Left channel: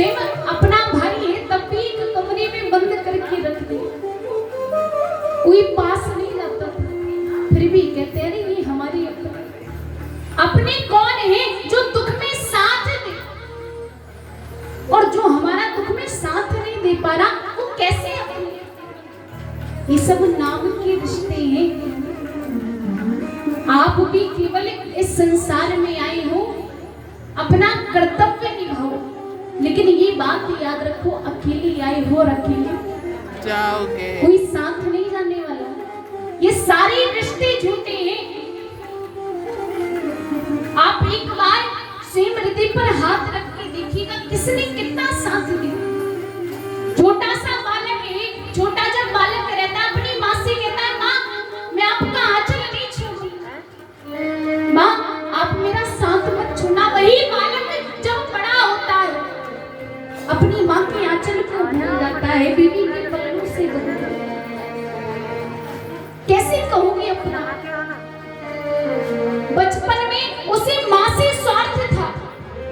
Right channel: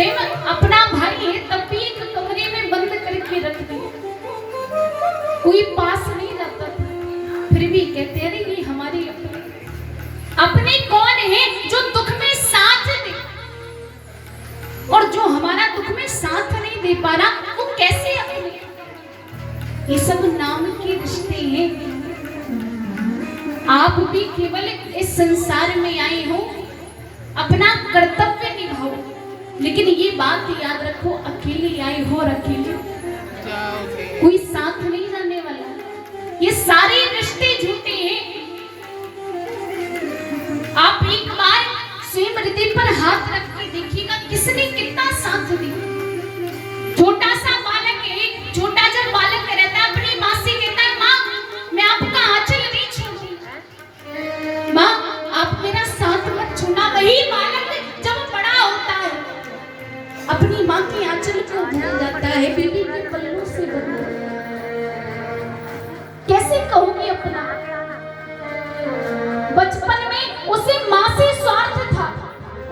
स्वयं अपना भाई है तब भी एक कमरे में बंद करके रख दिया, कोई पास नहीं लाता था, फिर भी कहते हैं अरे ये हमारे अपने कौन है जो दुख में साथ दे, और जो हमारा दुख में साथ नहीं दे पा रहा वो कैसे अपने। ये सब नाम के रिश्ते हैं। आप भी केवल इस संसार में आए हो, अपना कर्तव्य निभाओ, लेकिन ये बात याद रखो अकेले आए हो और अकेले कोई साथ नहीं जाने वाला। ये सारे रिश्ते झूठे हैं। आप एक बार स्वयं हृदय पर हाथ रख के देखिएगा किसने कितना साथ दिया। छोटा सा बालक है, छोटा जब बालक रहता है अपनी माँ से कहता है माँ मैं आपका आंचल नहीं छोड़ूंगा, माँ आप मेरा साथ मत छोड़ना। वही बालक जब बड़ा होता है अपनी माँ के आंचल को भूल जाता है, बीवी के पल्लों से बंधा। कैसे कहोगे अपना। बचपन में उसे माँ से स्वार्थ था,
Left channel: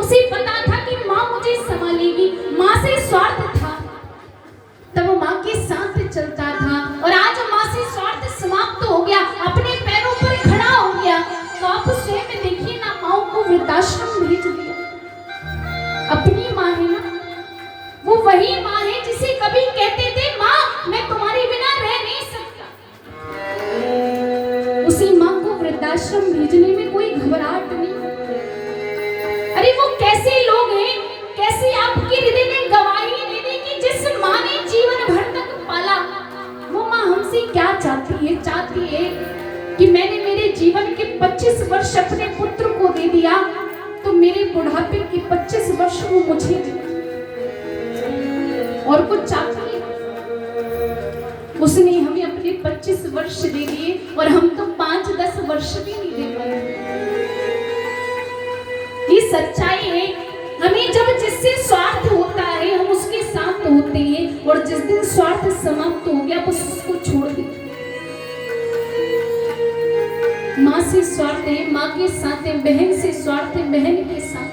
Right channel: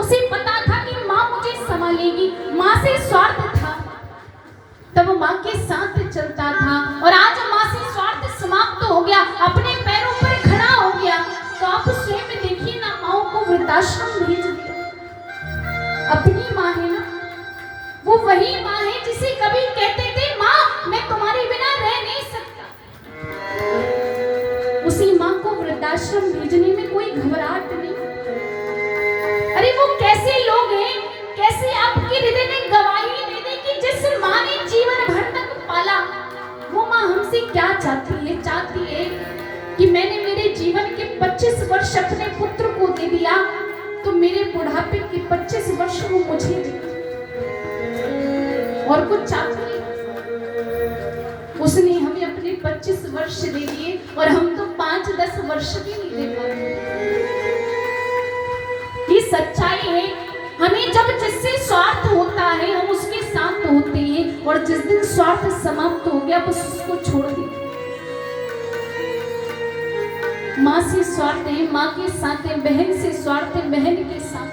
उसे पता था कि माँ मुझे संभालेगी, माँ से स्वार्थ था, तब माँ के साथ चलता था। और आज माँ से स्वार्थ समाप्त हो गया, अपने पैरों पर खड़ा हो गया, तो आप स्वयं देखिए ना, माँ को वृद्धाश्रम भेज दिया। अपनी माँ है ना, वो वही माँ है जिसे कभी कहते थे माँ मैं तुम्हारे बिना रह नहीं सकता। उसी माँ को वृद्धाश्रम भेजने में कोई घबराहट नहीं। अरे वो कैसे लोग हैं, कैसे आपके हृदय में गवाही दे दे कि जिस माँ ने जीवन भर तक पाला, वो माँ हमसे क्या चाहती है। चाहती है कि मैंने मेरे जीवन के 25 वर्ष अपने पुत्र को दे दिया, तो मेरे बुढ़ापे के 25 वर्ष वो मुझे दे, और कुछ चाहती है। उसने हमें अपने 25 वर्ष दे दिए और हम तो 5-10 वर्ष भी नहीं दे पाए। ये सच्चाई है। हमें जब जिससे स्वार्थ होता है हम उसके साथ होते हैं, और जिस दिन स्वार्थ समाप्त हो गया बस उसको छोड़ देते। माँ से स्वार्थ है माँ के साथ है, बहन से स्वार्थ है बहन के साथ,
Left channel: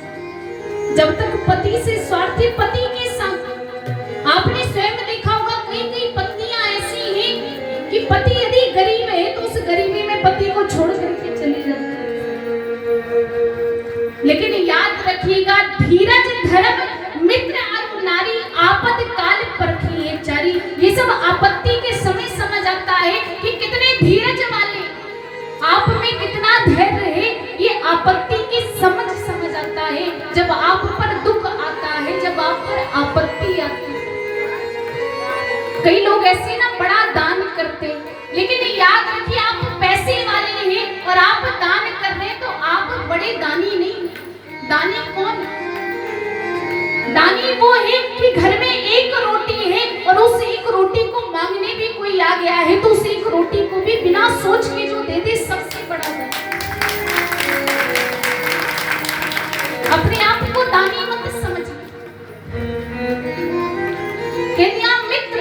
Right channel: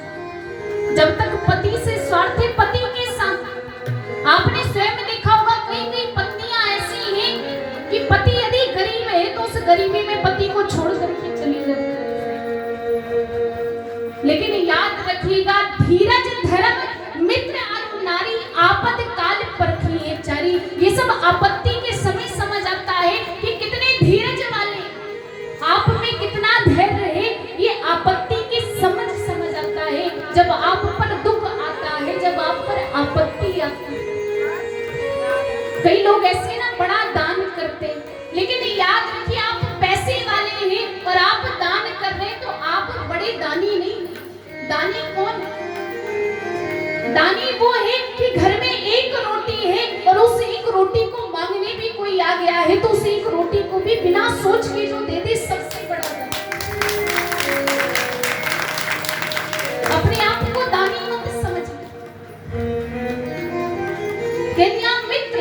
जब तक पति से स्वार्थ है पति के साथ। आपने स्वयं देखा होगा कई पत्नियां ऐसी हैं कि पति यदि गरीब है तो उस गरीबी में पति को छोड़ करके चली जाती है। लेकिन याद रखिएगा धीरज धर्म मित्र और नारी आपद काल परखिए चारी। ये सब आपत्ति के समय समझ आता है कि कितने धीरज वाले, आप में कितना धैर्य है। ये आपत्ति की समझ आता है जब आप पर दुख आता है, जब आप पर आपत्ति आती है। कई लोग ऐसे ना बड़ा दान करते, लेकिन याद रखिए आप पैसे वाले हैं और आप दान कर रहे हैं तो आप बड़े दानी नहीं। दानी कौन? दानी वो है कि घर में एक रोटी है और उस एक रोटी को मांगने भी कोई आ गया है तो उस एक रोटी को भी बिना सोच के जो दे दे, सबसे बड़ा दान। अपने आप को दानी मत समझिए। मित्र,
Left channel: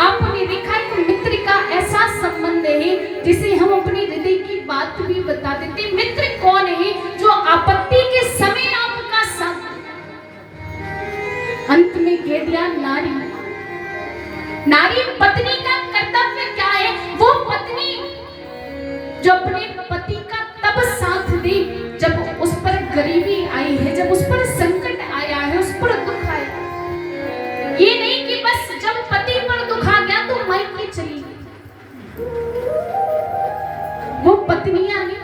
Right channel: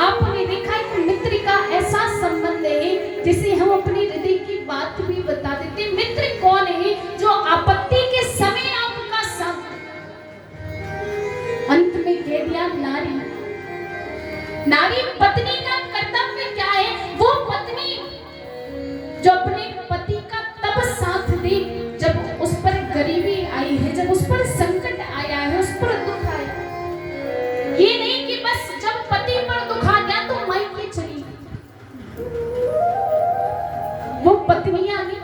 आपने देखा है मित्र का ऐसा संबंध है जिसे हम अपने हृदय की बात भी बता देते। मित्र कौन है? जो आपत्ति के समय आपका साथ। अंत में कह दिया नारी। नारी पत्नी का कर्तव्य क्या है? वो पत्नी जो अपने पति का तब साथ दे जब उस पर गरीबी आई है, जब उस पर संकट आया है, उस पर दुख आया। ये नहीं कि बस जब पति पर दुख आ गया तो मायके चली गई। वो पत्नियां नहीं।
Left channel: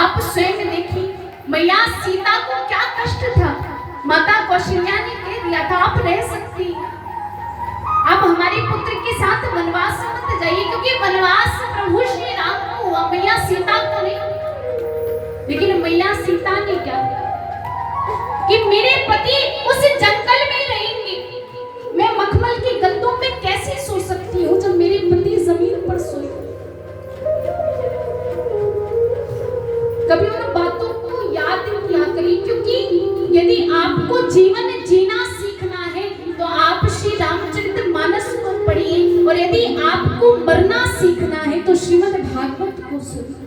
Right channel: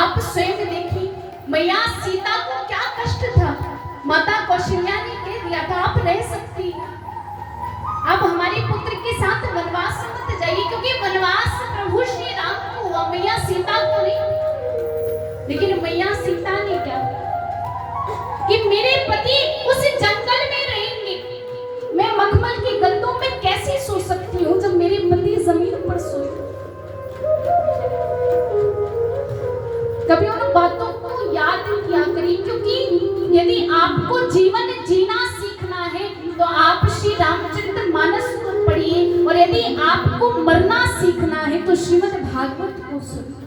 आप स्वयं देखिए मैया सीता को क्या कष्ट था। माता कौशल्या ने कह दिया था आप रह सकती, आप हमारे पुत्र के साथ वनवास मत जाइए, क्योंकि वनवास प्रभु श्री राम को हुआ, मैया सीता को नहीं। लेकिन मैया सीता ने क्या कि मेरे पति उस जंगल में रहेंगे, मैं मखमल की गंदों में कैसे सो सकती हूँ जब मेरे पति जमीन पर सोए। कभी उन बातों को याद किया करिए, क्योंकि यदि आपको जीवन जीना सीखना है तो आप श्री रामचरितमानस को पढ़िए, और यदि आपको मरना सीखना है तो श्रीमद् भागवत को सुनिए।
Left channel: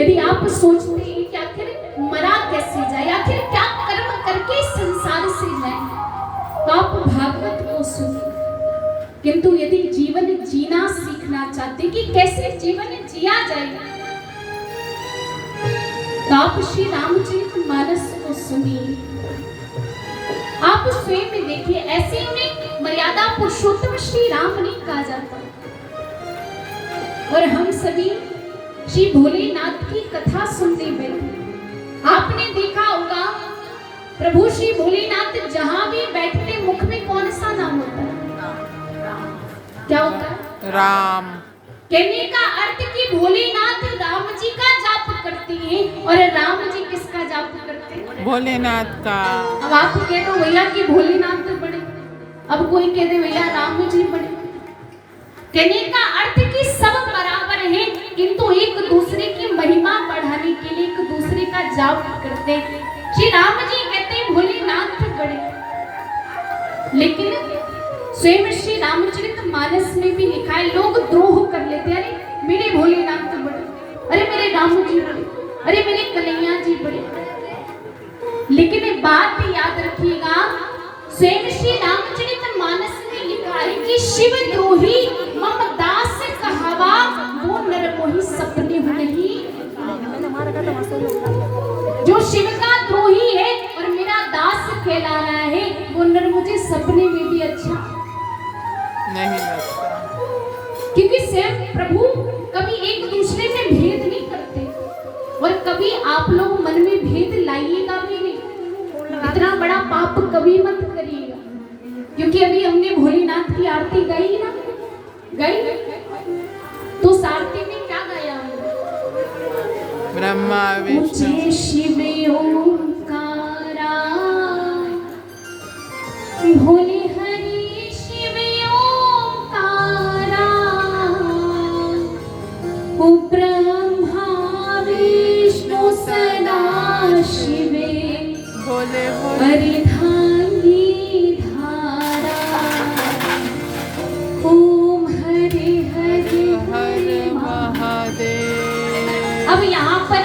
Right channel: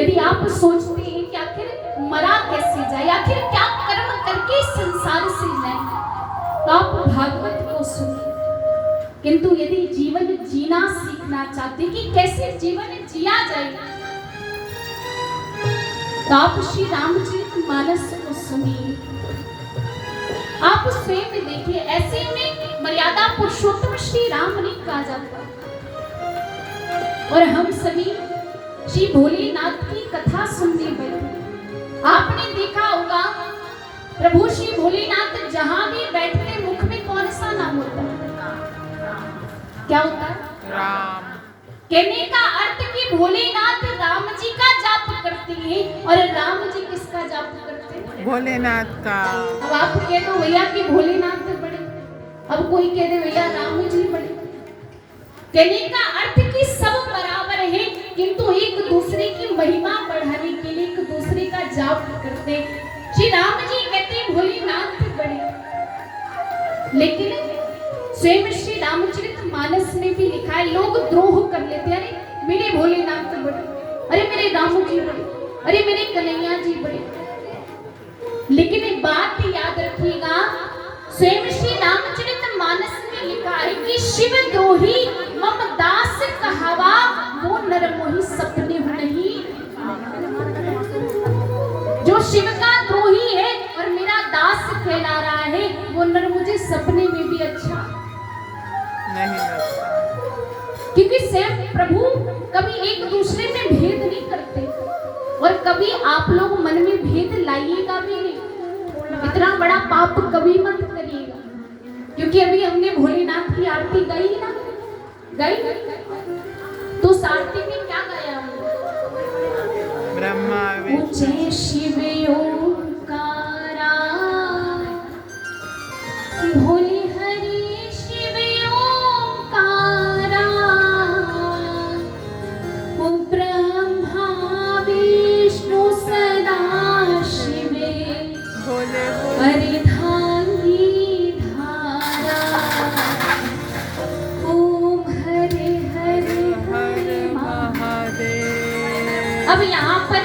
यदि आप सोचते हैं कि आखिर मरा कैसे जाए, आखिर क्या कर्म किंतु यदि जीवन जीना सीखना चाहते कि कैसे जीवन जिया जाए, तो आप श्री रामचरितमानस को सुनिए, आप स्वयं देखिए। ऐसे उन्हें मर्यादा पुरुषोत्तम श्री राम नहीं कहा जाता। और हम सभी श्री भोलेनाथ की कथा सुनते बैठे। आपने देखा होगा प्रभु श्री भोलेनाथ जहां भी बैठते मुख में कौन सा नाम होता है? क्या होता है? राम। कहने का अर्थ कि भोलेनाथ राम जी का जाप करते हैं। और राम जी किसका जाप करते हैं? भोलेनाथ का। अब आप कह दो भैया कि भोलेनाथ बड़े, अब कोई कह दे भैया राम जी बड़े। कहने का अर्थ कि सब बराबर हैं, किंतु एक दूसरे की महिमा बढ़ाने के लिए एक दूसरे का जाप करते हैं। श्री राम जी कहते हैं भोलेनाथ बड़े, लेकिन स्वयं श्री रामचरितमानस में भी लिखा है लोग द्रोह कर लेते हैं। अरे मेरे भोलेनाथ बड़े, अरे मेरे राम जी बड़े, अरे मेरे कन्हैया जी बड़े। लेकिन एक बात भी याद रखिएगा, स्वयं श्री रामचरितमानस में लिखा है कि शिव द्रोही मम दास कहावा, वो नर मोही सपने हो नहीं। जो शिव का द्रोही है और मेरा दास कहला रहा है, वो नर मुझे सपने में भी अच्छा नहीं लगता, क्योंकि स्वयं प्रभु कभी एक दूसरे में भेद नहीं करते। और कभी आप लोग मन में भेद लाइएगा भी नहीं, इतना बड़ा पाप कभी मत करिएगा। क्योंकि अभी हमने भोलेनाथ की आरती गाई ना, गाई तो सारती में क्या गाया हमने? ब्रह्मा विष्णु शिव ओंकारा, भोले हरि शिव ओंकारा, ब्रह्मा विष्णु सदा शिवे, भोले वरदानी धारा, ओम हरे हरे हर महादेव। अब यहाँ पर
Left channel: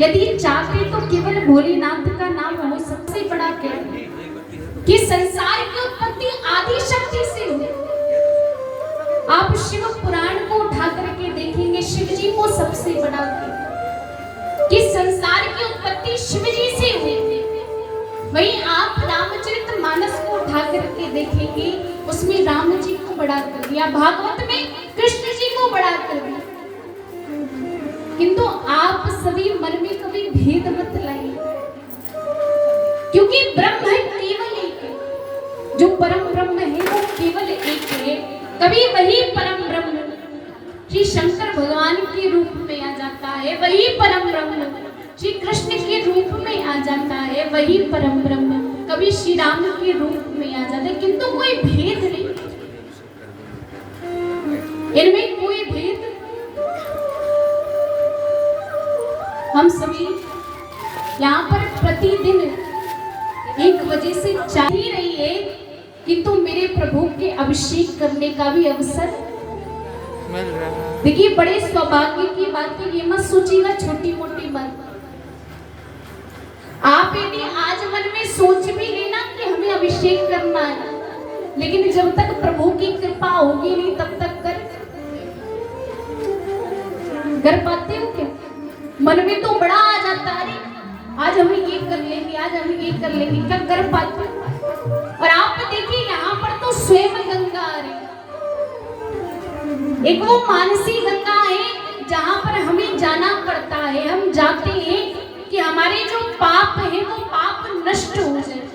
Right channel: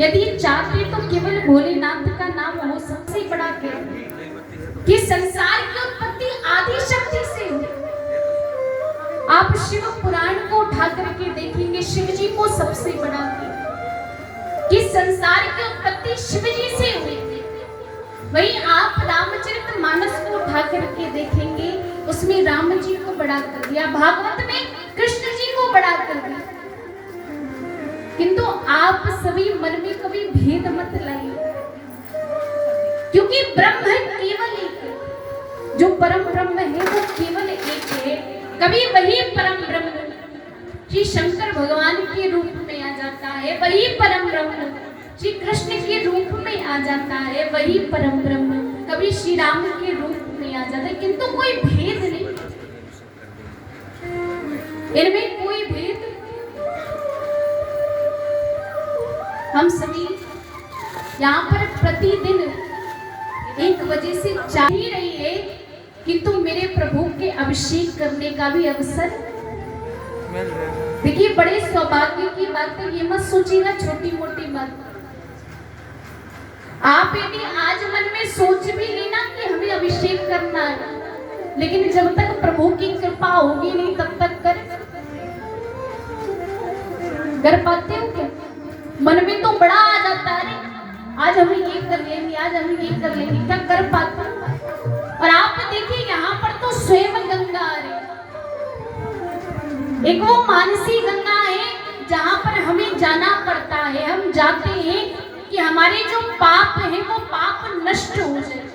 यदि चाहते तो केवल भोलेनाथ का नाम हो सबसे बड़ा क्या है कि संसार की उत्पत्ति आदि शक्ति से हुई। आप शिव पुराण को उठा करके देखेंगे, शिव जी को सबसे बड़ा कि संसार की उत्पत्ति शिव जी से हुई। वहीं आप रामचरितमानस को उठा करके देखेंगे, उसमें राम जी को बड़ा कर दिया, भागवत में कृष्ण जी को बड़ा कर दिया। किंतु आप सभी मन में कभी भेद मत लाइए, क्योंकि ब्रह्म केवल एक है, जो परम ब्रह्म है वो केवल एक है। कभी वही परम ब्रह्म श्री शंकर भगवान के रूप में आ जाता है, वही परम ब्रह्म श्री कृष्ण के रूप में आ जाता है, वही परम ब्रह्म कभी श्री राम के रूप में आ जाता है। किंतु कोई भेद नहीं, इनमें कोई भेद। हम सभी यहाँ पर प्रतिदिन 1 बजे से चाह ही रही है, किंतु मेरे प्रभु के अभिषेक करने का भी अवसर मिल रहा है। देखिए बड़े सौभाग्य की बात है, ये मत सोचिएगा छोटी मोटी बात। आप यदि आज मन में सोच भी लेना कि हमें अभिषेक करना है, लेकिन जब तक प्रभु की कृपा होगी नहीं तब तक कर पाते हो क्या? मन में तो बड़ा आ जाता है, आज हम ये कर लेंगे, आज हम ये कर लेंगे, क्या कर पाते हो? और आप देखिए यहाँ पर तो स्वयं गंगा आ रही, एक वो मानसी गंगा है जहाँ पर हमें जाना पड़ता है। हम जाते हैं कि हमारे जो पाप है वो पाप नष्ट हो जाए।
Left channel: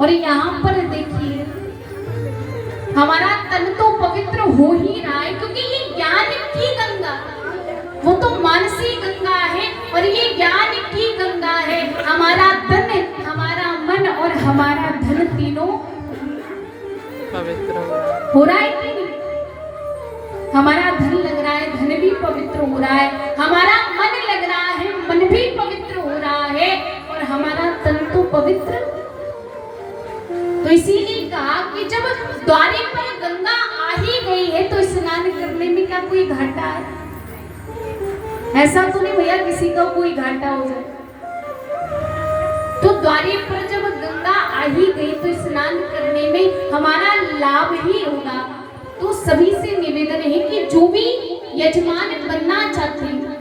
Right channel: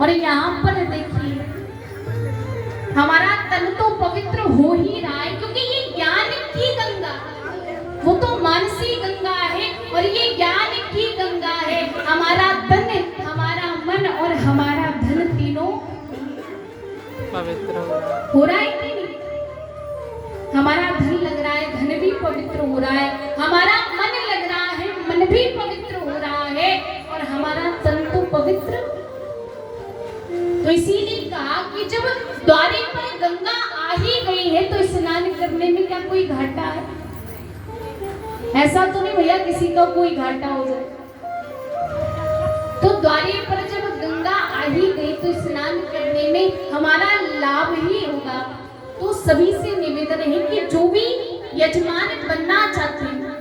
और यहाँ पर देखिए हमारा तन तो पवित्र हो ही रहा है, क्योंकि ये ज्ञान की गंगा, वो तो मानसी गंगा है और ये ज्ञान की गंगा है। हमारा तन, हमारा मन और हमारा धन तीनों पवित्र हो रहा है कि नहीं? हमारा धन लग रहा है, धन भी पवित्र हो रहा है, हमारा मन लग रहा है, मन भी पवित्र हो रहा है, और हमारा तन तो पवित्र। तो इसीलिए कहा कि जब द्वारे पर गंगा आ ही गई है तो स्नान करने में क्या कोई घाटा है? ऐसा तो नहीं भैया किसी का कोई घाटा हो जाए। तो द्वारे पर जब गंगा आ ही गई तो स्नान करने में हमारा लाभ ही होगा। तो सभी से निवेदन है कि जो भी यजमान बनना चाहते हैं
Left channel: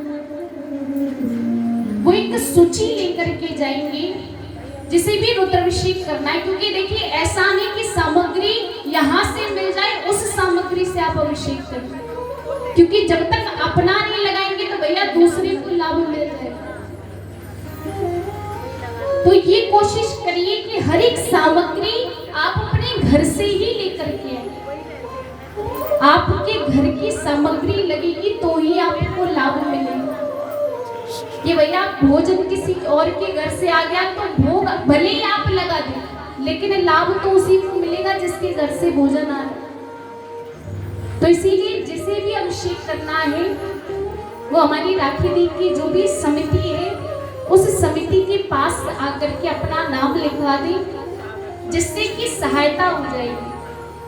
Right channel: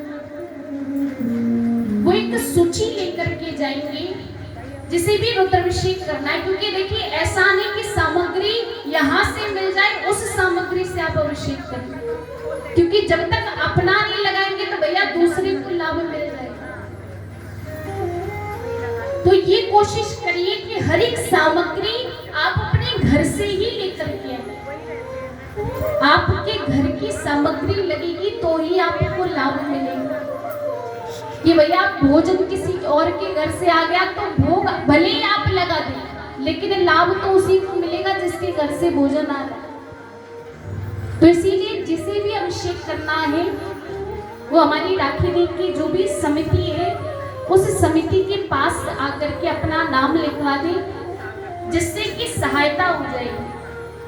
वो एक सूची लेकर के जाएंगे जिसे भी रुद्राभिषेक करना है, क्योंकि देखिए ऐसा नहीं कि सामग्री यहाँ से मिल जाए उस सामग्री से आप अभिषेक करें, क्योंकि जब तक अपना नहीं लगाएंगे तो भैया दूसरे को लाभ मिल जाएगा। तो ये कोशिश करिए कि हर एक सामग्री आप अपने घर से ही लेकर के आए। आपके घर की सामग्री लगेगी तो ही आपको लाभ मिलेगा। कि भैया भोजन किसी और के घर से आ गया तो भोग भले ही आप लगा दें, लेकिन लाभ तो उसी को मिलेगा जिसके घर से भोजन आ रहा है। तो इसीलिए जिसे भी अभिषेक करना है वो हमारी राखी दी की जो भी समिति है उस समिति के पास आकर के अपना नाम लिखवा दें, जिससे कि सहायता हो जाएगी।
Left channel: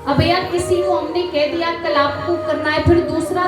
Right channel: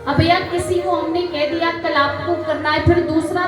अब भैया किसी को हमने कह दिया कल आपको करना है, फिर दूसरा